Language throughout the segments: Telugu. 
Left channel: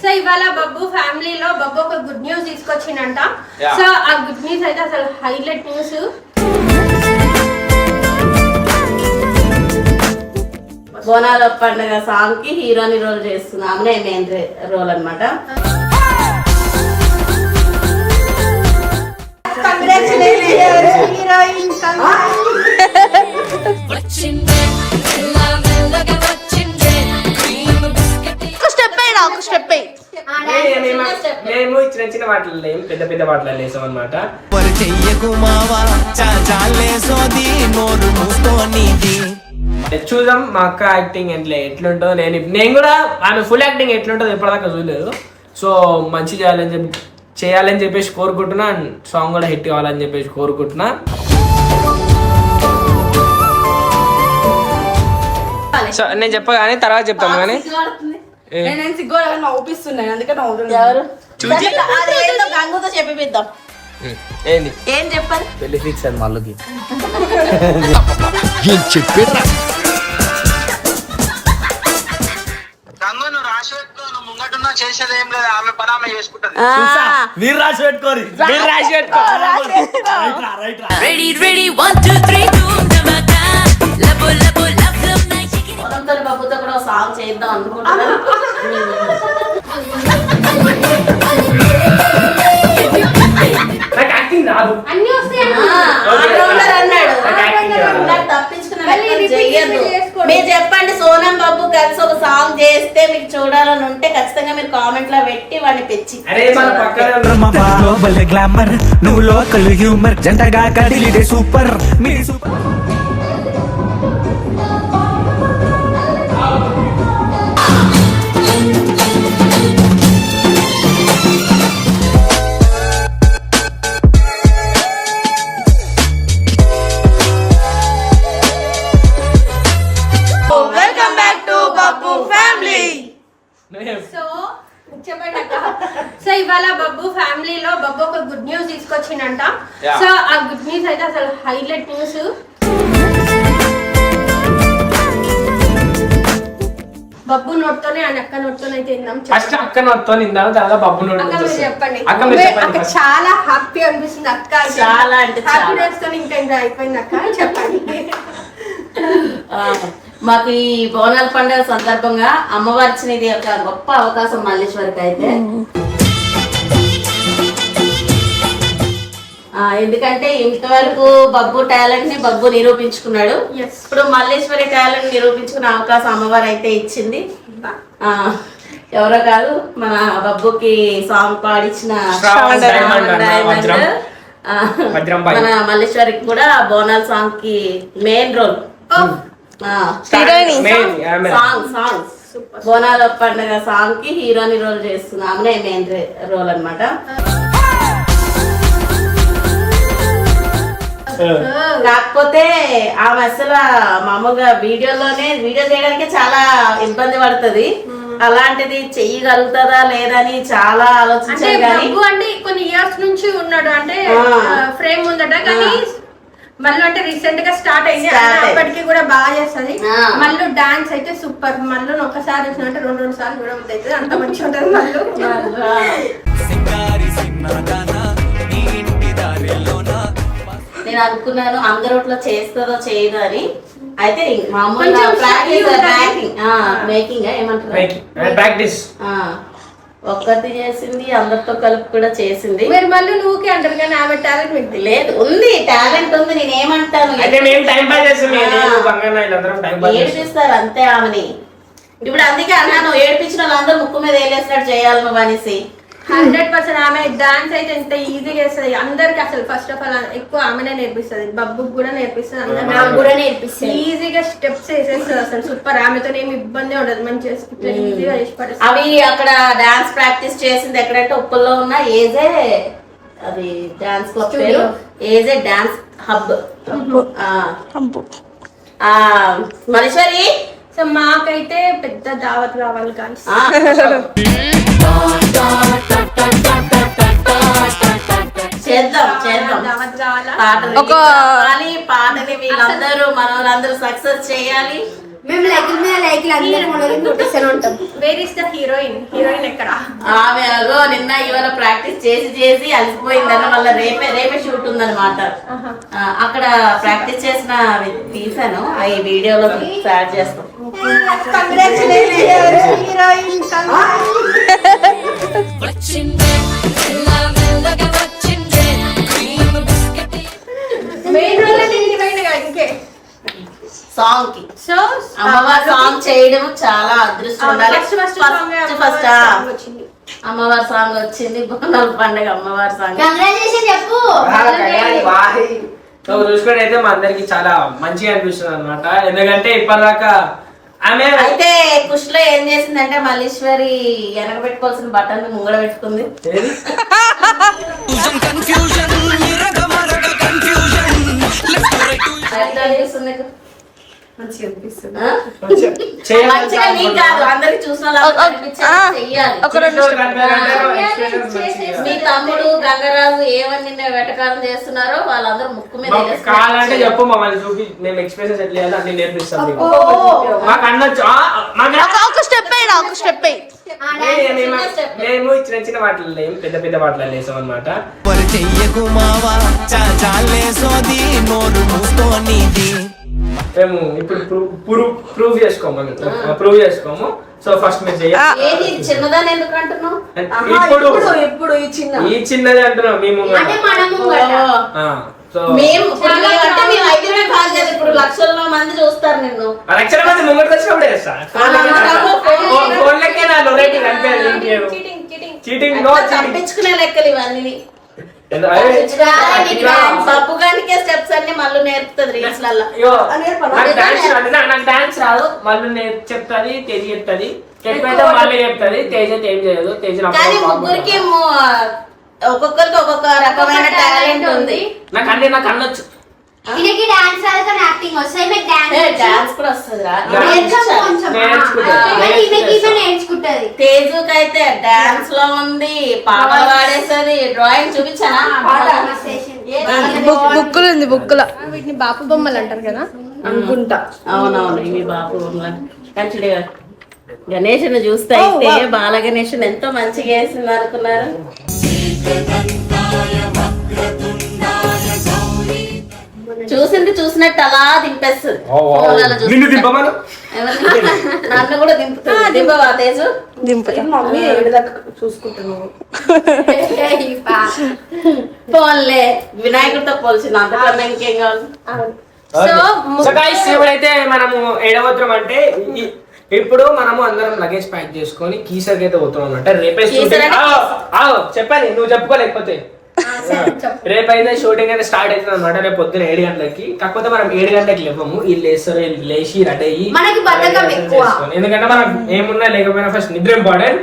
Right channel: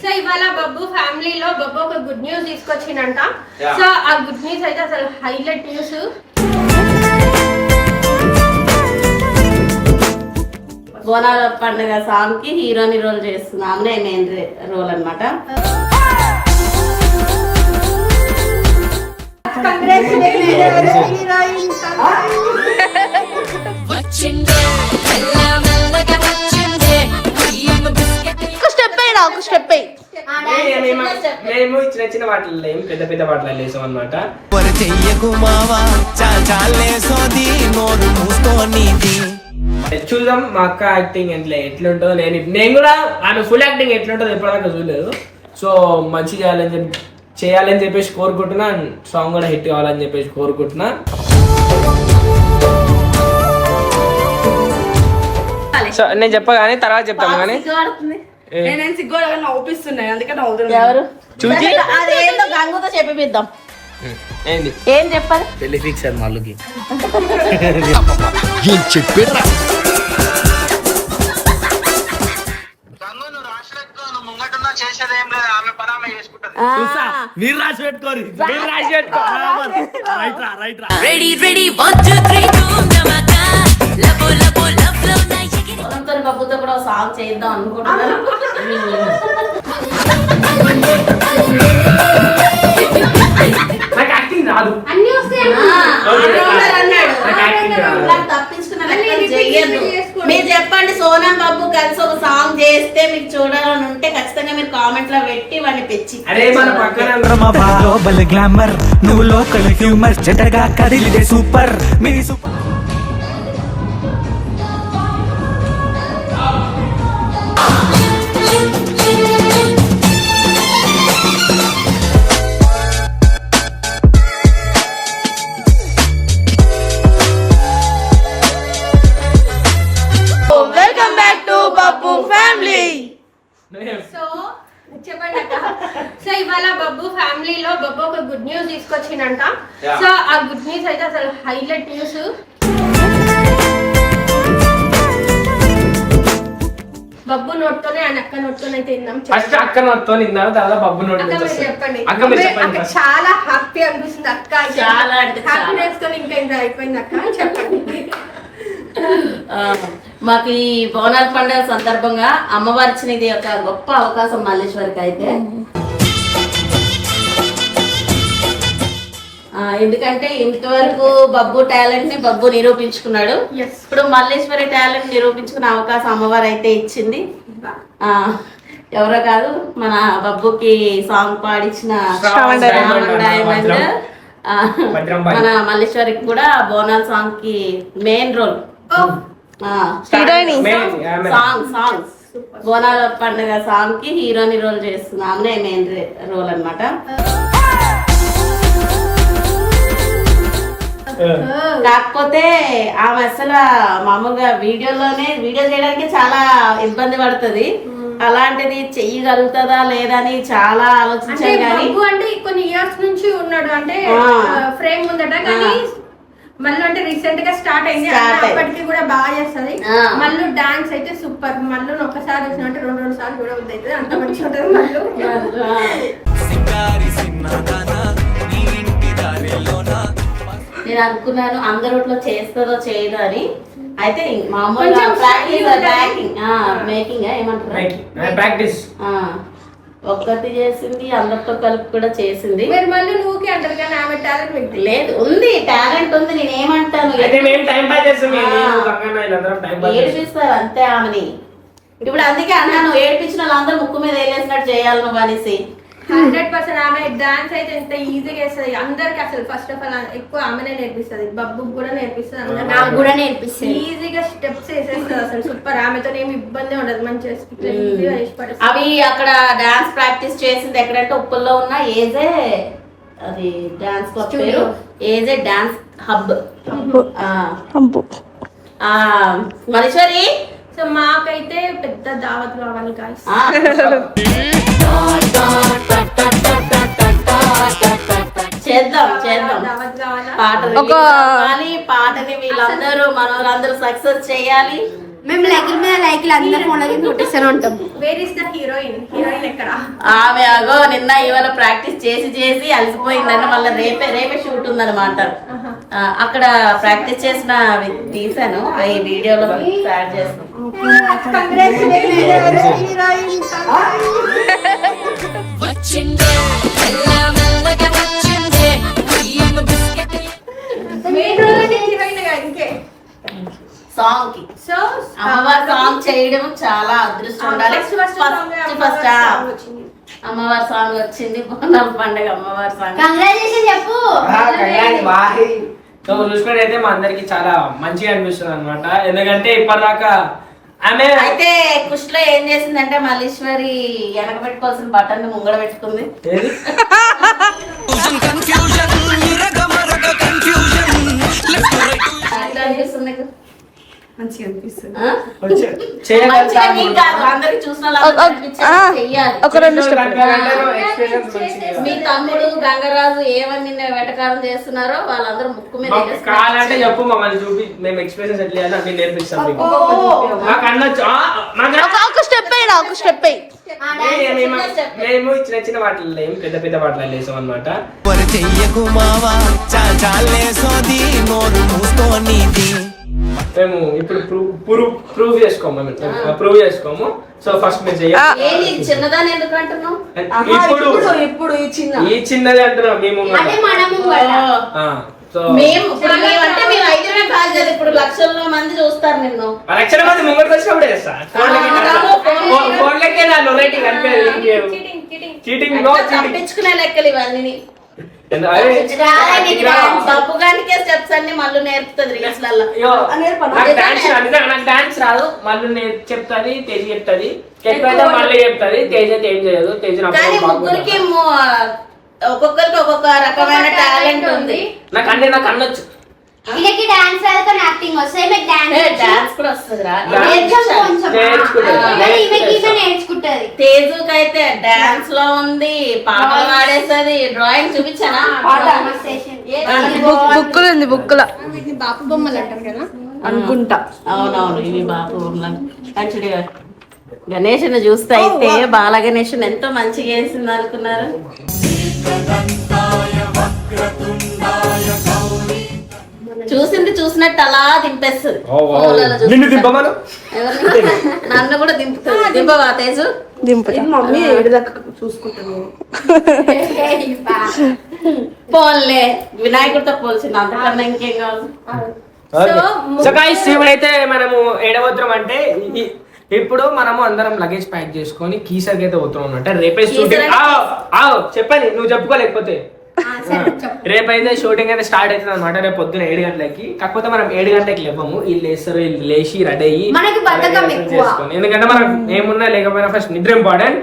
సో ఇవాళ బబ్బు ఫ్యామిలీలో బబ్బు ఒక గుడ్ న్యూస్ తీసుకొచ్చిందంట. సో ఆ గుడ్ న్యూస్ అయితే అసలు హైలైట్ న్యూస్. బోనాల పండుగ సాంగ్ కి హీరోని రోల్ చేస్తుంది. ఆమెనే మెయిన్ రోల్ అన్నమాట. మేము చిన్న చిన్న వాటిల్లో పెద్ద పెద్ద వాటిలో వేసాం అనమాట. చూద్దాం మా అక్క యాక్టింగ్ ఎట్లుంటుందో. నేను కూడా ఆమె ఫుల్ యాక్టింగ్ ఎట్లుంటుందో ఎప్పటిదాకా చూడలేదు. సో మంచి చేయాలని చెప్పేసి కోరుకుంటున్నా. సాంగ్ కూడా హిట్ కావాలని చెప్పేసి కోరుకుంటున్నా. సో నేను చెప్పగానే తర్వాత చెప్తాను కానీ ఏం చెప్పాలి పెళ్లి ఫిక్స్ అది మళ్ళీ చెప్పారా మీరు రాసి పెట్టుకోరు. మీరు రాసి పెట్టుకో. బబ్బుతో కూడా సాంగ్ చేద్దాం అనుకుంటున్నాను. నాకు యాక్టింగ్ రాదు. మీరు చెప్పండి సోనం బాబు కలిసి ఒక సాంగ్ చేస్తే మీకు చూడాలని ఉంటే ఖచ్చితంగా మీరు కామెంట్ లో పెట్టి వాడిని పెంచి గ్లామర్ నువ్వు లోకల్ హ్యూమర్ జటగా కదిలిదే సూపర్ మీ super. Welcome back to Babbu family. So చెప్పండి అక్క. సో ఇవాళ బబ్బు ఫ్యామిలీలో బబ్బు ఒక గుడ్ న్యూస్ తీసుకొచ్చిందంట. సో ఆ గుడ్ న్యూస్ అయితే అసలు హైలైట్ న్యూస్. బబ్బు నోట్తోనే అండ్ అక్క నోట్తోనే అయితే విందాం. ఫస్ట్ అక్క నోట్తో విందాం, తర్వాత బబ్బు నోట్. చెప్పండి. అక్క చాలా హ్యాపీ అనిపిస్తుంది అక్క. చాలా అంటే హ్యాపీనెస్ తో ఇంకా ఎంత అయిపోయింది అక్క. చెప్పండి. మాకు ఈ బోనాల పండుగ సందర్భంగా అమ్మవారి ఇచ్చినది ఒక గొప్ప అవకాశం మల్లేశ్వరికి అయితే. ఎందుకంటే ఇంతవరకు బబ్బు టాలెంట్ ని బబ్బు నిరూపించుకున్నాడు. ఇప్పుడు మల్లేశ్వరి టాలెంట్ నిరూపించుకునే అవకాశం అమ్మవారు అయితే ఇచ్చింది. ఎవరో కాదు మన బబ్బుకి సాంగ్ పాడించిన డైమండ్ మన మల్లేశ్వరికి కూడా బోనాల సాంగ్ కి మెయిన్ రోల్. సాంగ్ బోనాల పండుగ సాంగ్ కి హీరోని రోల్ చేస్తుంది. ఆమెనే మెయిన్ రోల్ అన్నమాట. కాకపోతే ఆమె అసలు మామూలుగా వీడియో చేయడానికి చాలా ఇబ్బంది పడుతుంది. అలాంటిది చెయ్యగలుగుతుందా లేదా అని చాలా ఆలోచించారు. కానీ అంటే కొన్ని ఇయర్స్ నుంచి ఉన్నాడు అంటే ఫ్రేమ్ ఉందట. కానీ మళ్ళీ అంటే రీసెంట్ గా స్టార్ట్ అయింది. అప్పటికి కూడా బాగా చేస్తుంది. మళ్ళీ డాన్స్ అయితే సూపర్. మళ్ళీ ఒకసారి చూసినట్టు రెండు సార్లు కూడా అవుతుంది. అంత మంచిగా ఉంటుంది. నేను అనుకున్నాను అందరిలో చేస్తుందో చేయదో అని. అయితే మామూలుగా ప్రాక్టీస్ మేకింగ్ ఏమంటారు ఒక్కటి చేసింది, అందరితో కలిపి కూడా చేసింది. మీరు మళ్ళీ నువ్వుకి అంటారు కానీ ఆమె టాలెంట్ లేదు, ఉంది టాలెంట్ ఉంది. నేనేమంటాను ఏడిపిస్తారు అంతే ఆమెని. ఇప్పుడు అందుకే అన్నాను ఏడిపించిన వాళ్ళందరూ ముక్కు మీద వేలేసినట్టు చేయాలి నువ్వు అనేసి. 100% ఆమె డాన్స్ అయితే ఎంత ఈజీగా వేస్తుంది అందరికి. అసలు ఫస్ట్ ఆఫ్ ఆల్ ఎక్కువ ఆమెనే నేర్పిస్తుంది. బబ్బుకి కూడా నేర్పిస్తుంది. నాకు కూడా నేర్పిస్తుంది. ఈజీగా స్టెప్స్ వేసేస్తుంది. అసలు సూపర్. ఆమెతో ఏమి ఇబ్బంది ఉండదు. మంచిగా ఈజీగా చేసి పడుతుంది. అవి అక్కడ డాన్స్ ప్రాక్టీస్ చేసింది ఎక్కడంటే ఉప్పుల్లో ఉన్న ఏజే, అది డాన్స్ క్లబ్ పేరు ఏజే డాన్స్ హబ్. మల్లేశ్వరి సో మాకైతే పెద్ద దావత్ కావాలి కానీ చేద్దాం పాటని వీళ్ళందరూ మన వాళ్ళందరూ సక్సెస్ చేయాలి. మేము లైకుల మీద లైకులు అందరం మొదలు కొట్టేస్తూనే ఉంటాం. వేర్ ఇస్ ద హీరోయిన్ ఎక్కడ? ఆమె అగో నిన్న ఇవాళ ప్రాక్టీస్ చేసి అలసిపోయిందన్న మళ్ళీ రేపే షూట్ ఉందన్నమాట. అక్కడ ప్రాక్టీస్ చేసిన తీసాను ఈ వీడియోలో యాడ్ చేస్తాను. సాంగ్ కి సో అమ్మవారి సాంగ్ చేయడం చాలా అదృష్టం ఉండాలి. ఫస్ట్ అమ్మవారి సాంగ్ వచ్చింది, బోనాల పండుగ అమ్మవారి సాంగ్. కంగ్రాచులేషన్ చెప్పు. సో చూసుకుంటే మా అందరికి చాలా మంచిగా అనిపిస్తుంది అనమాట. ఎందుకంటే ఇప్పటిదాకా ఆమె అయితే కుష్లో ఏం చేసిందంటే మల్లీశ్వరి వెనక పెట్టుకోవాల్సిన బటన్ ముంగడ పెట్టుకుంది. ఎట్లా అనిపిస్తుంది నీకు? మంచిగా అనిపిస్తుంది. మంచిగా నీకు కాదు, అందరికి చూసిన వాళ్ళకి అనిపించేది చెయ్యాలి. మీ తమ్ముడు గంగరాజు ఏమని నిన్న వెటకారం చేస్తున్నారో వాళ్ళందరూ ముక్కు మీద కావాలంటే చెప్పు, మమ్మల్ని చూపి మేము ఎక్స్ప్రెషన్స్ ఎట్లా చేయాలో అన్ని నేర్పిస్తాం. మాకు అన్నొచ్చు. ఒక స్టెప్ మేము చిన్న చిన్న వాటిలో లేము, పెద్ద పెద్ద వాటిలో లేసాం అనమాట. మేము ఇప్పుడు ప్రూవ్ చేసుకోము. సో ఫస్ట్ మీరు చేయాలి. చిన్నదాన్ని ఎందుకు అంటున్నావు? ఇప్పుడు ఈ చిన్నది అంటున్నాం మేము. మేము అయితే కాల్ చేయదు. ఇప్పుడు లక్షల మంది చూస్తారు నిన్ను. లక్షల మంది ముంగడికి వచ్చినప్పుడే చేస్తా. ఫోన్లకే నా నొరైటీ కనిపించదు. చీటింగ్ తప్పించుకునే లెక్కలు ఇవన్నీ. పప్పుగానికే స్టెప్స్ అన్ని మళ్ళీ నేర్పుతుంది రీల్స్ లలో. నాకు డాన్స్ రాదు, మళ్ళీ చెప్తాది, తేజ చెప్తాది, ఎక్కువైతే మళ్ళీ చెప్తాది. తేజ ఏం చేయదు. తేజ ముగ్గురికి ఒక్కొక్కరికి ఒక్కొక్క రకమైన టాలెంట్ ఉంది. నాకు అన్నొచ్చు. ఈయనకి డాన్స్ రాదు కానీ యాక్టింగ్ వస్తుంది. మీకు డాన్స్ కూడా వస్తుందిరా, నేర్చుకుంటది. తేజుకి అయితే డాన్స్ లో ఉంది, పాటలు పాడేస్తుంది. డ్రాయింగ్ చూపించానా? బుక్కులో వీటిని బాపు బొమ్మలు అంటారు కదా అనుకుంటా. అవునవును, ఇవి బాపు బొమ్మలు. యాక్చువల్లీ గణేష్ చూస్తే అయితే బాల గణేష్ ఎంతో మంచిగా వేసింది అనుకున్నారు. చూసినట్టు అలా దింపేస్తుంది. నన్ను కూడా దింపుతుంది. దింపవా తేజు? చూసుకుంటున్నాను. పోన్లే, వినాయకుడితో పోల్చింది, అంతకన్నా ఇంకేం కావాలి. ఇప్పుడైతే మనము ఏడవద్రం అంటే ఇప్పుడు మనము అందరం లగేజ్ ప్యాక్ చేసుకొని కీసర్కి అయితే పోతున్నాం అనమాట. రేపే చెప్పండి, నువ్వు చెప్పుకోలేకపోతే. రేపైతే షూటింగ్ అయితే స్టార్ట్ అవుతుంది అనమాట. రేపు పొద్దున 7 గంటలకి. కాకపోతే మనం 7 గంటలకి లేవము. వీళ్ళు వేస్తారు, వీళ్ళు లేచి రెడీ అయ్యి. ఎందుకంటే మనం ఏమున్నా లేకపోయినా ఫస్ట్ నిద్ర ఇంపార్టెంట్.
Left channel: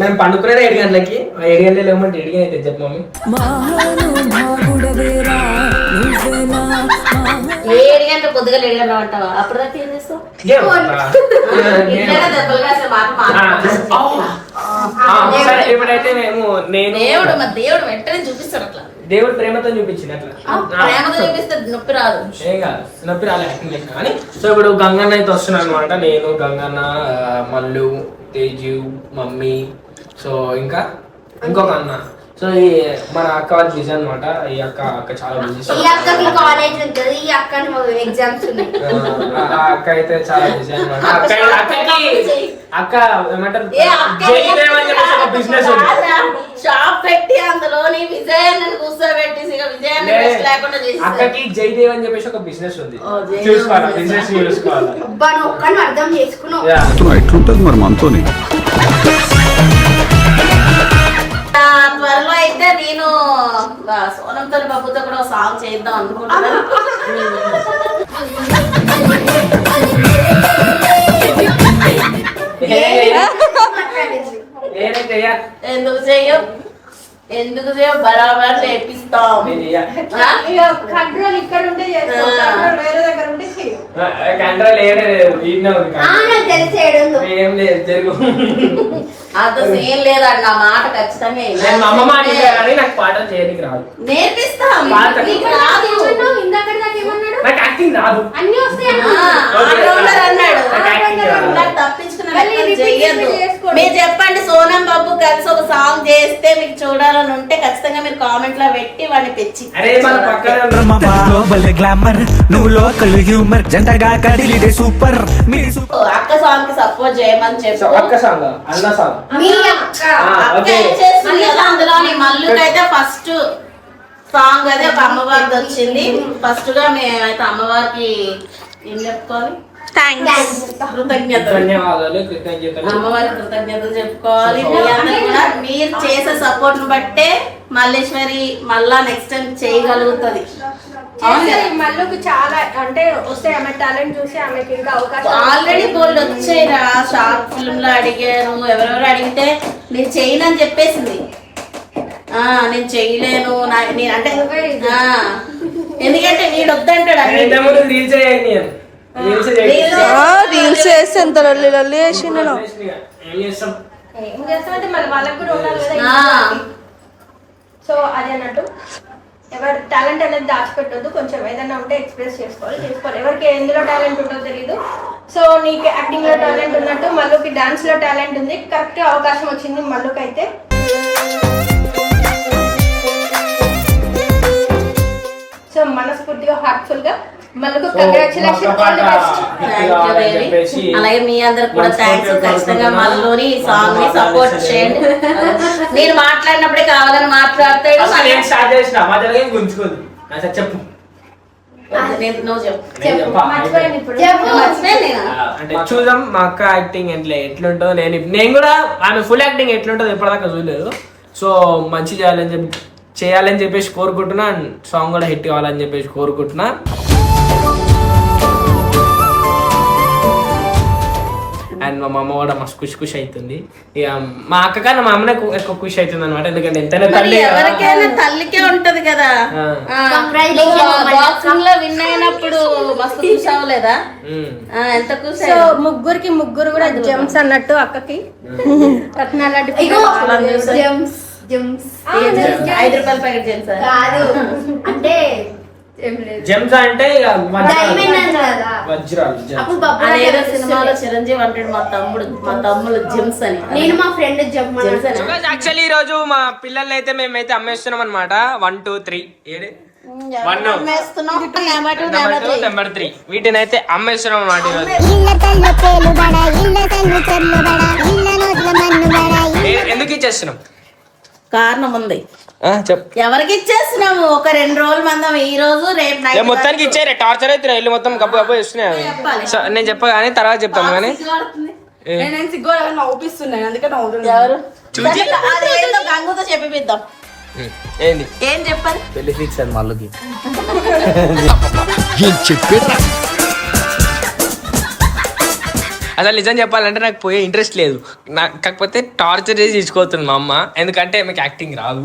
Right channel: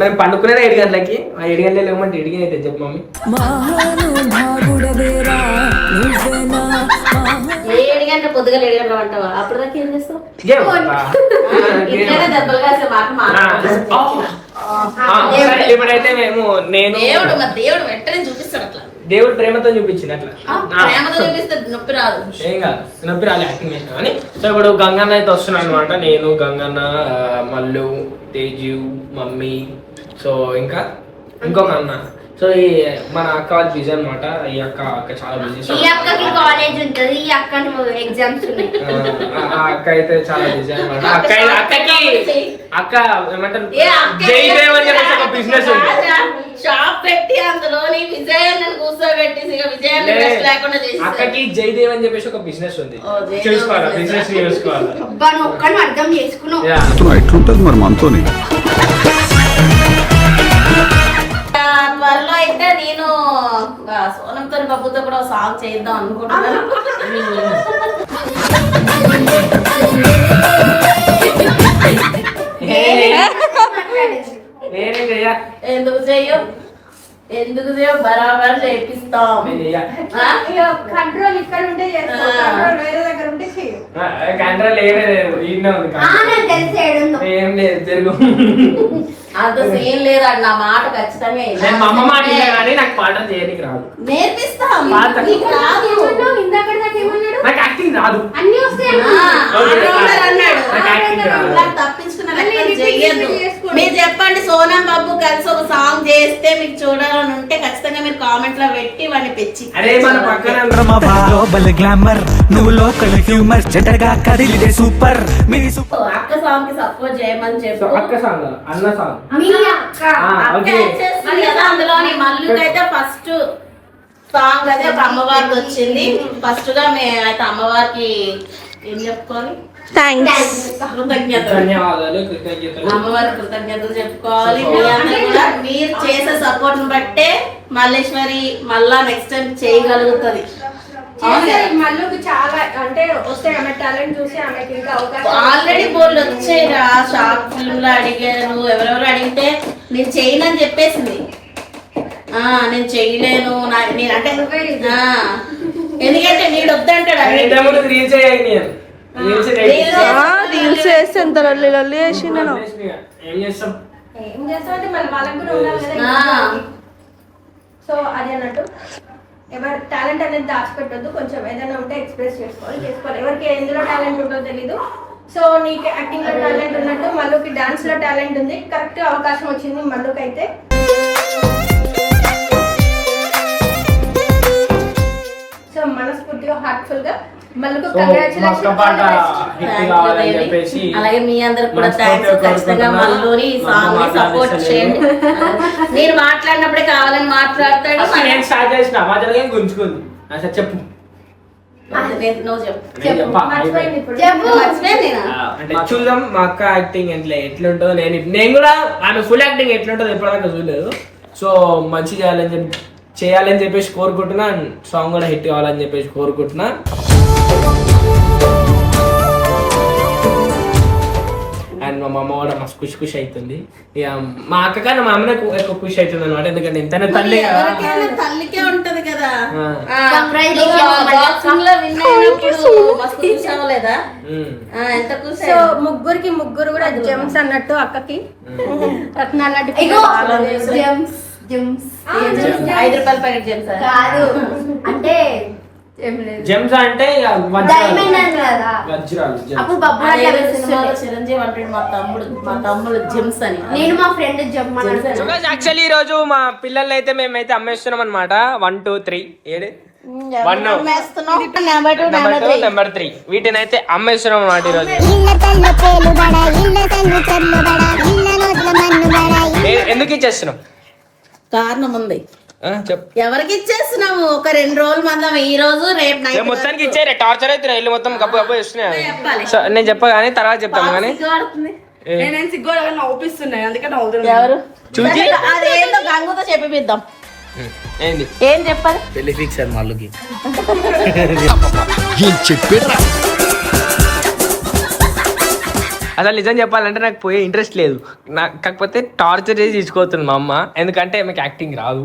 మేము పండుకునేది 7 గంటలకి. 7 గంటలు లేవమంటే 7 గంటలు అయితే చెప్పు మమ్మీ. 7 గంటల పొద్దుగా 7 గంటల అంటావా? అప్పటిదాకా ఏం చేస్తావు? ఇప్పుడైతే దేవుడు వెంటనే చూపిస్తాడు. అట్లా దేవుడు ప్రేమతో చూపించింది. అట్లా ప్రేమతో చూపిస్తే నొప్పి రాదు. ఏం కాదు, నొప్పి రాలే యాక్టింగ్ చేసిన కానీ. సో ఇప్పుడు గంగన్న అయితే వస్తున్నాను అనమాట. నేను, గంగన్న, మల్లు, తేజు, మమ్మీ, సో ఇంకా ఇంకొక అన్న. సో ఈ మన అక్క వాళ్ళు బిజీ అనమాట. ఈ అక్క చాలా బిజీ. ఈ అక్కకి కాలేజ్ ఉంటుంది, ఈ అక్క ఎగ్జామ్స్ ఉన్నాయి. అక్క అయితే చాలా బిజీ అనమాట. అక్క ఏమంటారు, జయదేవ్ అని చెప్పేసి ఒక బిజినెస్ ఉంది. షాప్ పెట్టి అందులో విజయాన్ని కూర్చోబెట్టి లేకుండా చేసి అక్కకి జయదేవ్ అని చెప్పేసి ఒక బిజినెస్ ఉంది. చూసుకోవాలి, బిజినెస్ చూసుకోవాలి. ఒక్కను అర్థం చేసుకున్నావు. ఎట్లుంటది మరి మనతోని. త్వరలో అయితే నేను సోనంతో బాబుతో కూడా సాంగ్ చేద్దాం అనుకుంటున్నాను. ఎందుకు చేయవు బరాబర్ చేపిస్తాం. కంట్రోల్ ఇక్కడ ఉంటే వేరే దగ్గర ఉంటే కంట్రోల్ ఏం లేదు, తెలిసేడు ఏం లేదు జరుగు. అది సీన్ లేదా నా మాట ఖచ్చితంగా వినాలి. నేను మా అమ్మ మాట విన్నా కానీ నాకు పాటలు చేయడానికి రాదు. నేర్పిస్తా పాట. నీకు రాదు. ఇందాక ఏమన్నాడు? నాకు యాక్టింగ్ రాదు. అన్ని వస్తాయి అన్నాడు నాకు యాక్టింగ్ రాదు. నాకు తప్పించుకున్న లెక్కలు చెయ్యొద్దు. మీరు చెప్పండి సోనం బాబు కలిసి ఒక సాంగ్ చేస్తే మీకు చూడాలని ఉంటే ఖచ్చితంగా మీరు కామెంట్ లో పెట్టి వాడిని పెంచి అరే మన పక్కన గ్లోబల్ గ్లామర్ నువ్వు లోకల్ హ్యూమర్ జటగా కదిలిడే సూపర్ మీ అక్క సాంగ్ కి సపోర్ట్ చేయమని చెప్పు. అక్క సాంగ్ అన్న సాంగ్ మీ అక్క అక్క చేస్తుంది కదా అందులోని మల్లుకైతే ఫస్ట్ సాంగ్ అయితే ఒక అమ్మవారిది వచ్చింది. ఫస్ట్ గా మేమైతే అమ్మవారికి ఏం చెప్పుకోవాలి, థ్యాంక్స్. కృతజ్ఞతలు. ధన్యవాదాలు, కృతజ్ఞతలు. అమ్మవారికి కృతజ్ఞతలు చెప్పుకోవాలి. మీ అందరూ కూడా మీరు చేసే సపోర్ట్ ని బట్టే మల్లేశ్వరి మళ్ళా నెక్స్ట్ టైం చేయగలుగుతుంది. మళ్ళీ చాలా అంటే వస్తే ఆమె టాలెంట్ చూసి ఆమెకి ఇంకా అవకాశం ఆల్రెడీ బోర్డు వచ్చాయిరా, షార్ట్ ఫిల్మ్ లో అడిగారు, ఎవరెవరు అడిగితే నేను చేయను అని చెప్పేసింది. నేను చేయలేను నేను అంటే ఎందుకంటే నేను వద్దంటాడు ఇంతకుముందు రీల్స్ చేయండి నేను. రీల్స్ వేస్తే ఎంత లొల్లి లొల్లి చేసి నేను ఏం చేస్తాం? ఏం చేస్తామంటే మళ్ళీ వాళ్ళకి కూడా ఉండాలి కదా. సో అది అన్నట్టు ఎవరి టాలెంట్ అనేది దాచిపెట్టద్దు. కొంచెం ఏదైనా ఉంటే ఎక్స్ప్రెస్ చేసుకోవాలి. ఎవరికి ఎందులో టాలెంట్ ఉంటుందో తెలీదు. సో నీకు యాక్టింగ్ లో టాలెంట్ ఉన్నట్టు మళ్ళీకి డాన్స్ లో టాలెంట్ ఉంది. కరెక్ట్ అవకాశం వచ్చింది మళ్ళీకి అయితే. సో మనస్ఫూర్తిగా హార్ట్ఫుల్ గా మళ్ళీ అలాగే మీ అందరికి కూడా థ్యాంక్స్. ఖచ్చితంగా మళ్ళీ సాంగ్ ని సపోర్ట్ చేయండి. మీరు మాట్లాడినప్పుడే కావాలని మాట్లాడతాడు. నేను స్టార్ట్ చేసిన మా తెలుగు గుంజుకుంది. చెప్పు అంటే చూద్దాం మా అక్క యాక్టింగ్ ఎట్లుంటుందో. నేను కూడా ఆమె ఫుల్ యాక్టింగ్ ఎట్లుంటుందో ఎప్పటిదాకా చూడలేదు. సో మంచి చేయాలని చెప్పేసి కోరుకుంటున్నా. సాంగ్ కూడా హిట్ కావాలని చెప్పేసి కోరుకుంటున్నా. అండ్ మా అమ్మ కూడా మస్తు ఖుషి అవుతుంది. ఇక మా అక్క కన్నా మా అమ్మనే ఎక్కువ ఖుషి అవుతుంది అనమాట. ఎందుకంటే ఎంతైనా తల్లి ఎవరికైనా తల్లికే ఉంటది కదా. బాక్సింగ్ లో విన్ అయినప్పుడు మస్తు ఖుషి అవ్వలేదా? ఎంత ఖుషి. సో ముగ్గురు కూడా జెమ్స్ అన్నట్టు అక్కకి రత్నాలు లాంటి జెమ్స్ 5 రూపాయల ప్యాకెట్ జెమ్స్ కాదు అంటే జెమ్స్ అంటే వజ్రాలు. అప్పుడు బబ్బు సినిమాలో చిరంజీవి అంటాడు మా తమ్ముడు జెమ్స్ అని. నేను మా ఫ్రెండ్ జెమ్ యాక్చువల్లీ ఈ రోజు మా పిల్లల్ని అయితే మేమైతే అమ్మేస్తున్నాం అనమాట. 1 2 3 నెంబర్ 3 వీటిని అయితే అమ్మేస్తున్నాం అనమాట ఈ రోజు. ఎందుకు ఇచ్చేస్తున్నాం? కారణం ఉంది. ఎవరికి ఇచ్చేస్తున్నాము? ఒక 2 రోజుల మందం ఈ రోజు రేపు నైట్ మొత్తానికి ఇచ్చారు. టార్చర్ అయితే ఇల్లు మొత్తం గబ్బు ఇస్తున్నాయి. నేను చెప్ప కానీ తర్వాత చెప్తాను కానీ నవ్వుపిస్తున్నాయి అందుకే గంగుతో చెప్పిద్దాం. ఏంది ఏం చెప్పాలి? పెళ్లి ఫిక్స్ అది మళ్ళీ అసలు నిజం చెప్పాలంటే నాకు పోయే ఇంట్రెస్ట్ లేదు. కాకపోతే టార్చర్ చేసి తీసుకోవచ్చు మా అమ్మ. ఎందుకంటే మీకు యాక్టింగ్ రాదు.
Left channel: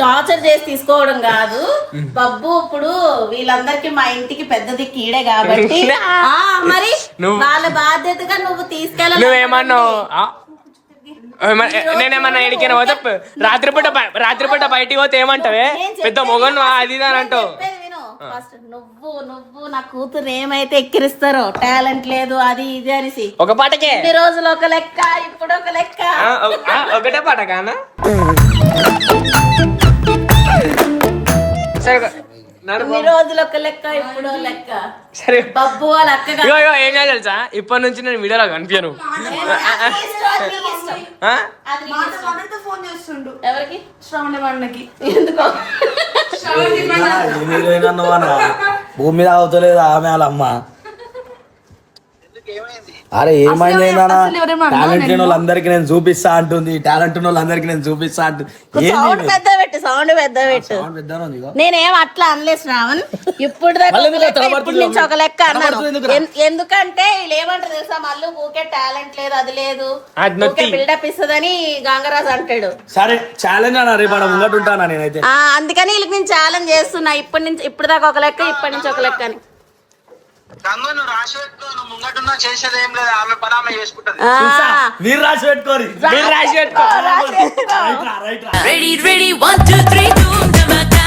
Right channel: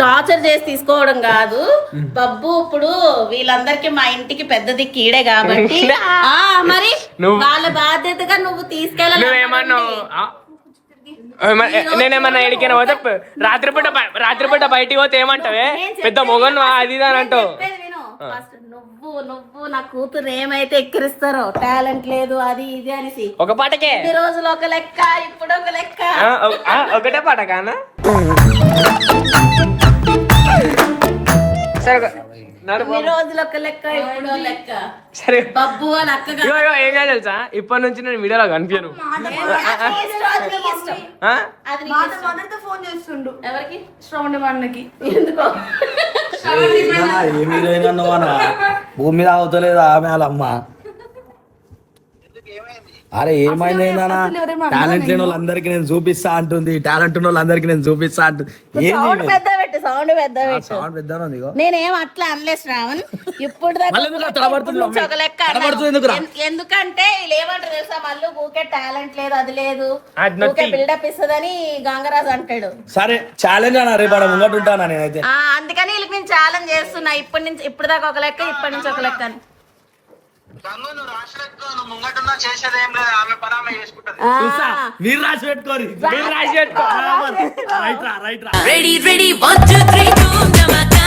టార్చర్ చేసి తీసుకోవడం కాదు బబ్బు. ఇప్పుడు వీళ్ళందరికి మా ఇంటికి పెద్ద దిక్కు ఈడే కాబట్టి మరి వాళ్ళ బాధ్యతగా నువ్వు తీసుకెళ్ళాలి. నువ్వేమన్నావు? నేనేమన్నా ఎడికైనా పోతే రాత్రిపూట బయటికి పోతే ఏమంటావే? పెద్ద మొగను అది అని అంటావు. నువ్వు నా కూతురు ఏమైతే ఎక్కిరిస్తారో టాలెంట్ లేదు అది ఇది అనేసి ఒక పాటకే ఈ రోజులు ఒక లెక్క ఇప్పుడు ఒక లెక్క. ఒకటే పాట కానా? సరే రోజులు ఒక లెక్క ఇప్పుడు లెక్క. సరే బబ్బు వాళ్ళ అక్క ఏం చేయాలి తెలుసా? ఇప్పటి నుంచి నేను వీడియోలో కనిపించను. ఫోన్ చేస్తుండు ఎవరికి? శ్రవణ వాళ్ళకి. ఎందుకో భూమి మీద అవుతలేదు ఆమె వాళ్ళమ్మ. అరే ఏమైంది ఏందన్నా? టాలెంట్ లేని వాళ్ళందరికీ నేను చూపిస్తా అంటుంది. టాలెంట్ ఉన్న వాళ్ళందరికీ నేను చూపిస్తా అంటుంది. ఏంది పెద్ద పెట్టు సౌండ్ పెద్ద పెట్టు. నేనేం అట్లా అనలేదు శ్రావణ్. ఇప్పుడు నుంచి ఒక లెక్క ఎందుకంటే వీళ్ళు ఏమంటారు తెలుసా? మళ్ళీ ఊకే టాలెంట్ లేదు అది లేదు ఊకే బిల్డప్ ఇస్తుందని గంగరాజు అంటాడు. సరే ఛాలెంజ్ అన్న రేపు ఆడ ముంగట ఉంటానా నేనైతే. అందుకని వీళ్ళకి నేను ఛాలెంజ్ చేస్తున్నా. ఇప్పటి నుంచి ఇప్పుడు దాకా ఒక లెక్క ఇప్పటి నుంచి ఒక లెక్క అని. చూసా మీరు రాసి పెట్టుకోరి మీరు రాసి పెట్టుకో రైట్ రా Ready, ready, 1, 2, 3, boom, dhamaka.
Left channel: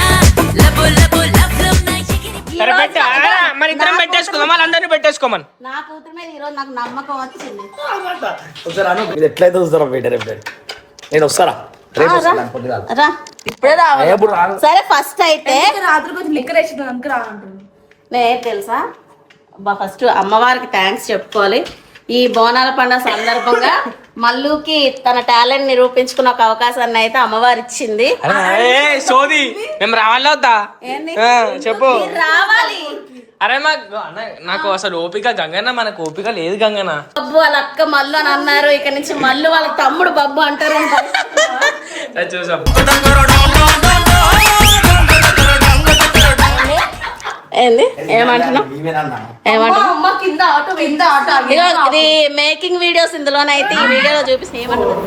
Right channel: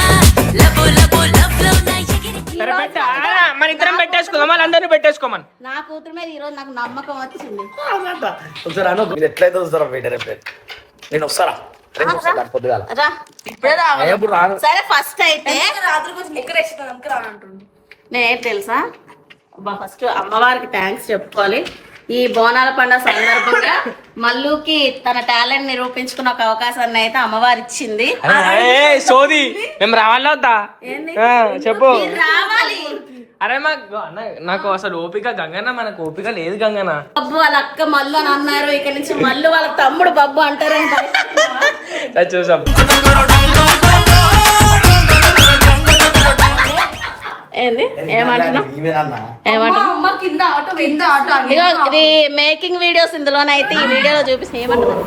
Labo, labo, love, love, na yegiri. సరే పెట్టా మన ఇద్దరం పెట్టేసుకుందాం వాళ్ళందరినీ పెట్టేసుకోమని. నా కూతురు మీద ఈరోజు నాకు నమ్మకం వచ్చింది. ఒకసారి అను మీరు ఎట్లయితే చూస్తారా బయట రేపు నేను వస్తారా రేపు వస్తాను పొద్దుగాల రా. ఎప్పుడు రాను సరే ఫస్ట్ అయితే రాత్రి కొంచెం లిక్కర్ వేసింది అందుకు రానంటుండు. నేను తెలుసా ఫస్ట్ అమ్మవారికి థ్యాంక్స్ చెప్పుకోవాలి. ఈ బోనాల పండుగ సందర్భంగా మల్లుకి తన టాలెంట్ నిరూపించుకున్న ఒక అవకాశాన్ని అయితే అమ్మవారు ఇచ్చింది. సోది మేము రావాలా వద్దా? ఏంది? చెప్పు. మీరు రావాలి. అరే నాకు అసలు ఓపిక గంగన్న, మనకు ఓపిక లేదు గంగన్న. బబ్బు వాళ్ళ అక్క మల్లు అని అన్నారు, ఇక్కడ నుంచి మల్లు వాళ్ళ తమ్ముడు బబ్బు అంటారంట. చూసాం. ఏంది ఏమంటున్నావు? ఏమంటున్నావు? అమ్మ కింద ఆటో ఇదిగో ఇది మేకింగ్ వీడియోస్ ఇందులోనైతే ఈ వీడియోలో చూపిస్తే ఏమంటున్నావు?